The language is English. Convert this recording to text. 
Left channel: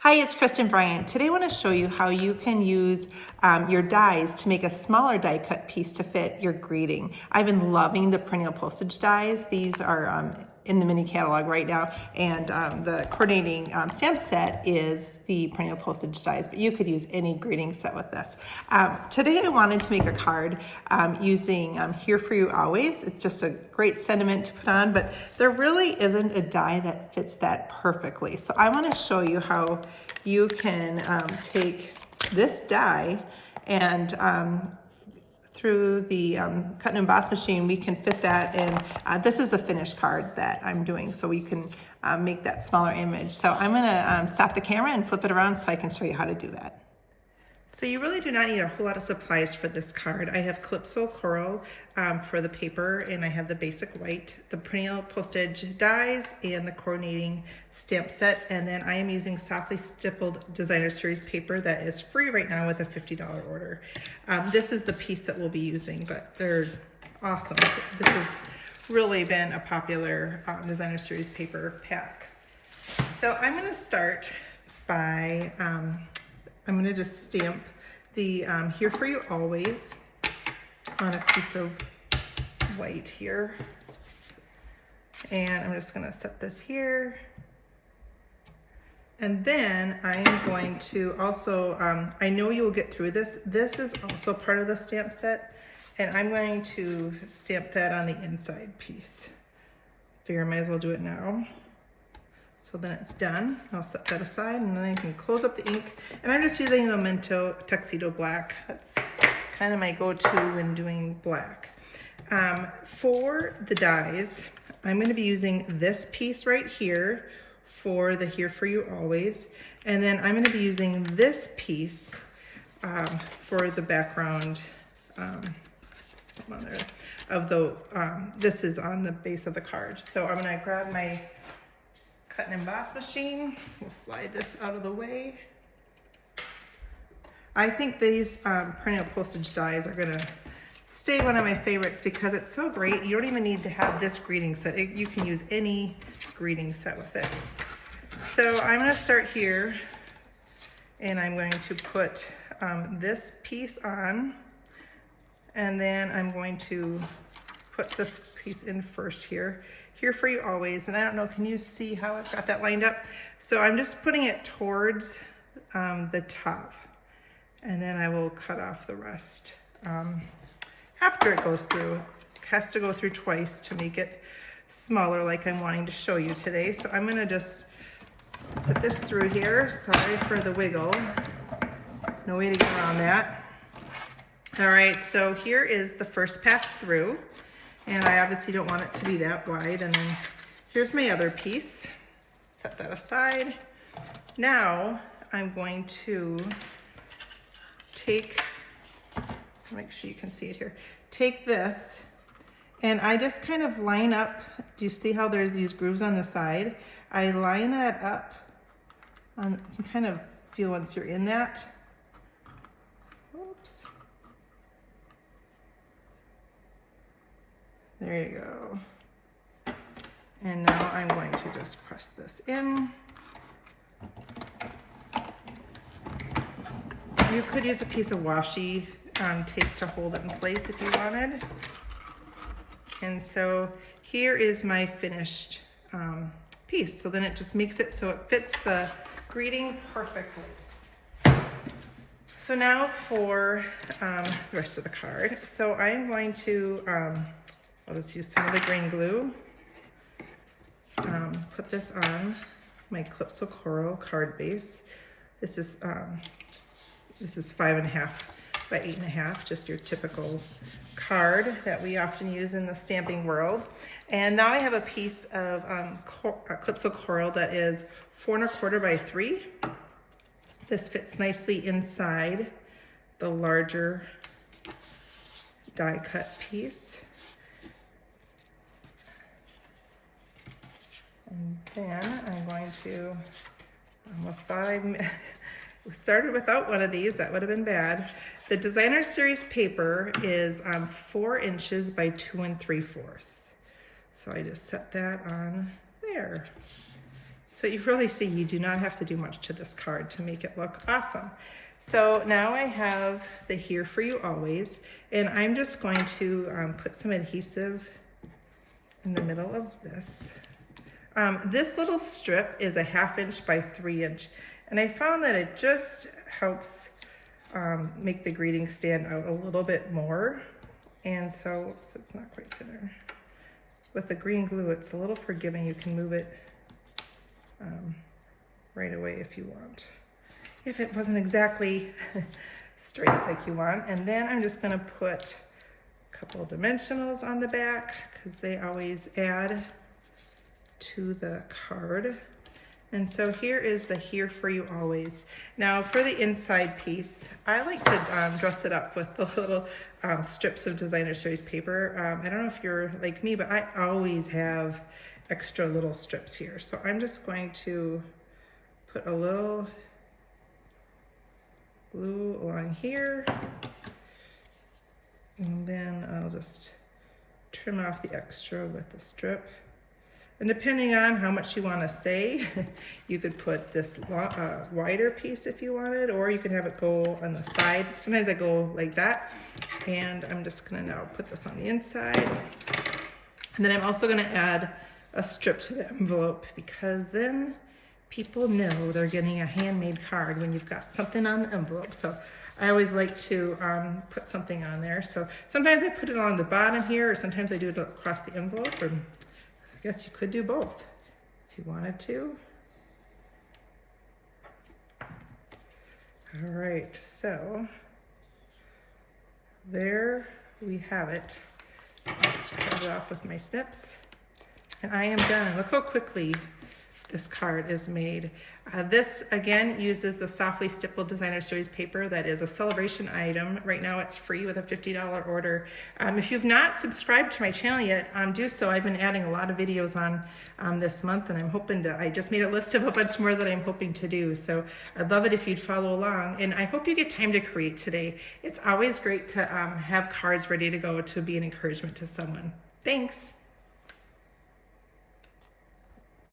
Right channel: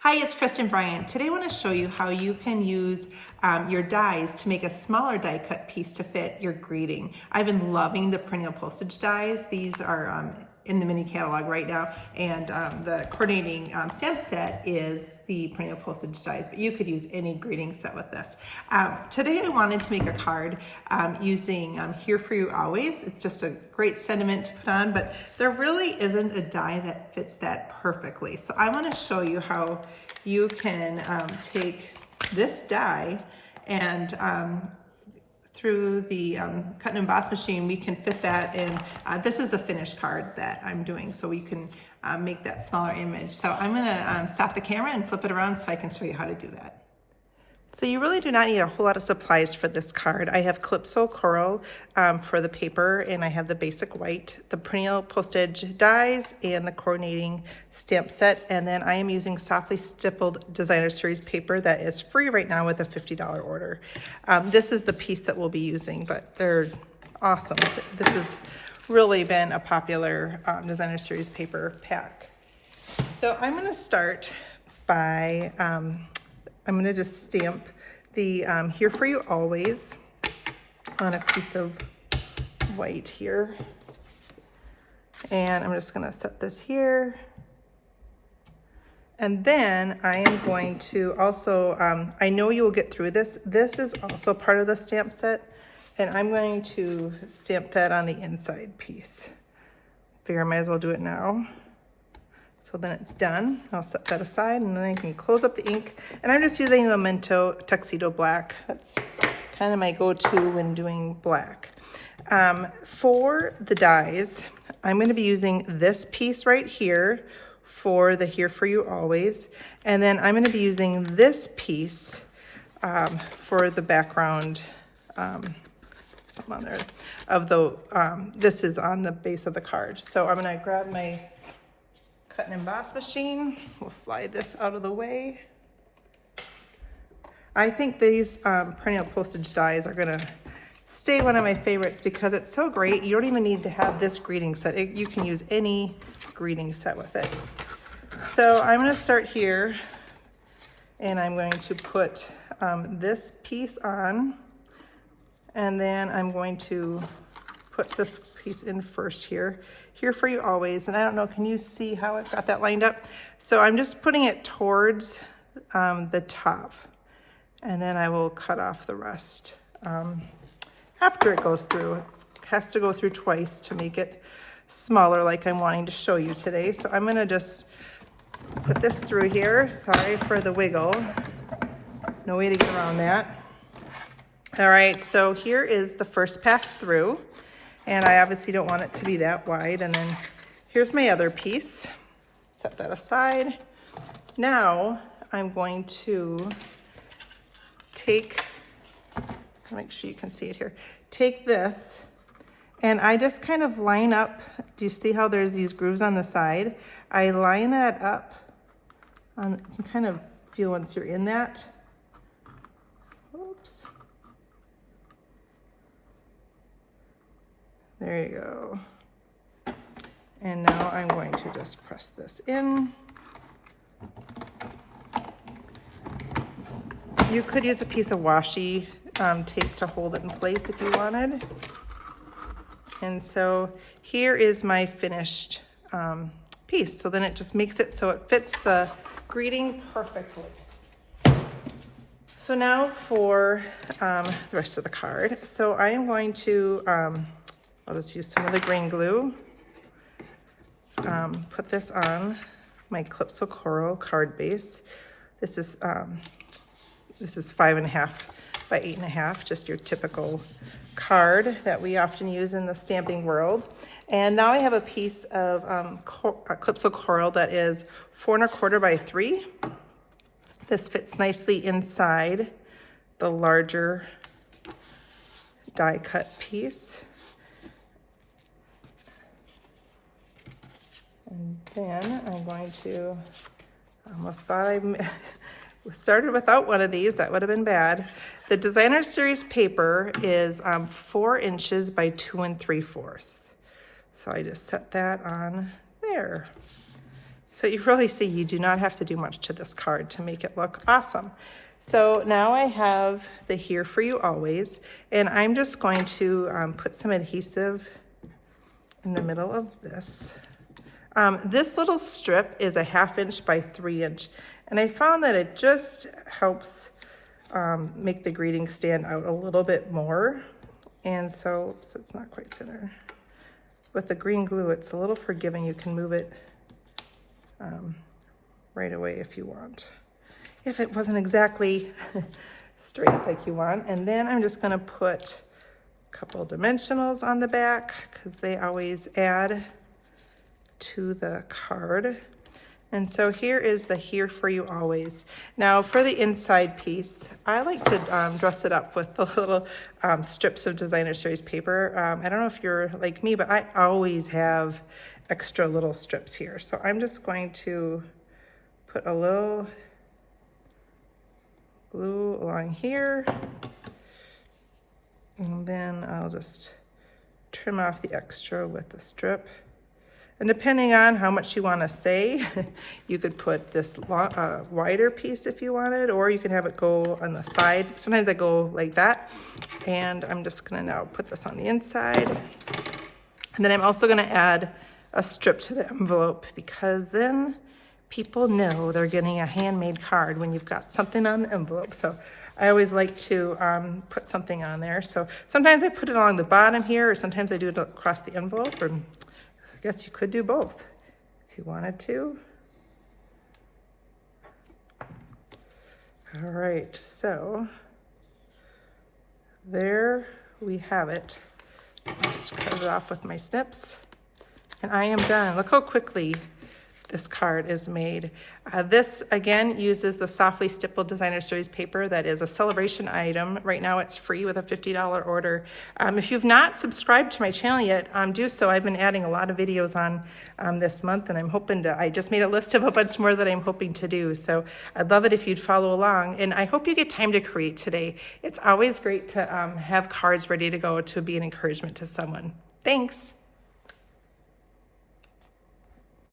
Hi, it's Kristen Bryant. Today I want to show you how you can use your dies to make a smaller die cut piece to fit your greeting. I've been loving the perennial postage dies. These are in the mini catalog right now, and the coordinating stamp set is the perennial postage dies, but you could use any greeting set with this. Today I wanted to make a card using Here For You Always. It's just a great sentiment to put on, but there really isn't a die that fits that perfectly. So I want to show you how you can take this die and through the cut and emboss machine, we can fit that in. This is the finished card that I'm doing, so we can make that smaller image. So I'm gonna stop the camera and flip it around so I can show you how to do that. So you really do not need a whole lot of supplies for this card. I have Calypso Coral for the paper, and I have the basic white, the perennial postage dies, and the coordinating stamp set. And then I am using softly stippled designer series paper that is free right now with a $50 order. This is the piece that we'll be using, but they're awesome. This has really been a popular designer series paper pack. So I'm gonna start by, I'm gonna just stamp the Here For You Always on a piece of white here. And I'm just gonna set this here. And then I am going to also, I know you will get through this. This is also part of the stamp set, and I'm going to stamp that on the inside piece. Figure I might as well do it now. So then it's done. I'll set that aside, and then I can close up the ink. And I'm just using a Memento Tuxedo Black. That's kind of my go-to when doing black. For the dies, I'm going to be using this piece right here for the Here For You Always. And then I'm going to be using this piece for the background, something on there, of the, this is on the base of the card. So I'm going to grab my cut and emboss machine. We'll slide this out of the way. I think these perennial postage dies are gonna stay one of my favorites because it's so great. You don't even need to have this greeting set. You can use any greeting set with it. So I'm gonna start here, and I'm going to put this piece on, and then I'm going to put this piece in first here. Here For You Always, and I don't know, can you see how I've got that lined up? So I'm just putting it towards the top, and then I will cut off the rest after it goes through. It has to go through twice to make it smaller like I'm wanting to show you today. So I'm gonna just put this through here. Sorry for the wiggle. No way to get around that. All right, so here is the first pass through. And I obviously don't want it to be that wide. And then here's my other piece. Set that aside. Now I'm going to take, make sure you can see it here. Take this, and I just kind of line up. Do you see how there's these grooves on the side? I line that up. You can kind of feel once you're in that. Oops. There you go. And now I'm going to just press this in. You could use a piece of washi tape to hold it in place if you wanted. And so here is my finished piece. So then it just makes it so it fits the greeting perfectly. So now for the rest of the card. So I am going to, I'll just use some of the green glue. Put this on my Calypso Coral card base. This is 5.5 by 8.5, just your typical card that we often use in the stamping world. And now I have a piece of Calypso Coral that is 4.25 by 3. This fits nicely inside the larger die cut piece. And then I'm going to, almost thought I started without one of these, that would have been bad. The designer series paper is 4 inches by 2 3/4. So I just set that on there. So you really see you do not have to do much to this card to make it look awesome. So now I have the Here For You Always, and I'm just going to put some adhesive in the middle of this. This little strip is a 1/2 inch by 3 inch, and I found that it just helps make the greeting stand out a little bit more. And so it's not quite center. With the green glue, it's a little forgiving. You can move it right away if you want. If it wasn't exactly straight like you want. And then I'm just gonna put a couple of dimensionals on the back because they always add to the card. And so here is the Here For You Always. Now for the inside piece, I like to dress it up with the little strips of designer series paper. I don't know if you're like me, but I always have extra little strips here. So I'm just going to put a little glue along here. And then I'll just trim off the extra with the strip. And depending on how much you want to say, you could put this wider piece if you wanted, or you can have it go on the side. Sometimes I go like that. And I'm just gonna now put this on the inside. And then I'm also gonna add a strip to the envelope, because then people know they're getting a handmade card when you've got something on the envelope. So I always like to put something on there. So sometimes I put it along the bottom here, or sometimes I do it across the envelope, or I guess you could do both if you wanted to. All right, so there we have it. Just cut it off with my snips, and I am done. Look how quickly this card is made. This again uses the Softly Stippled Designer Series paper. That is a celebration item. Right now it's free with a $50 order. If you've not subscribed to my channel yet, do so. I've been adding a lot of videos on this month, and I'm hoping to, I just made a list of a bunch more that I'm hoping to do. So I'd love it if you'd follow along, and I hope you get time to create today. It's always great to have cards ready to go to be an encouragement to someone. Thanks.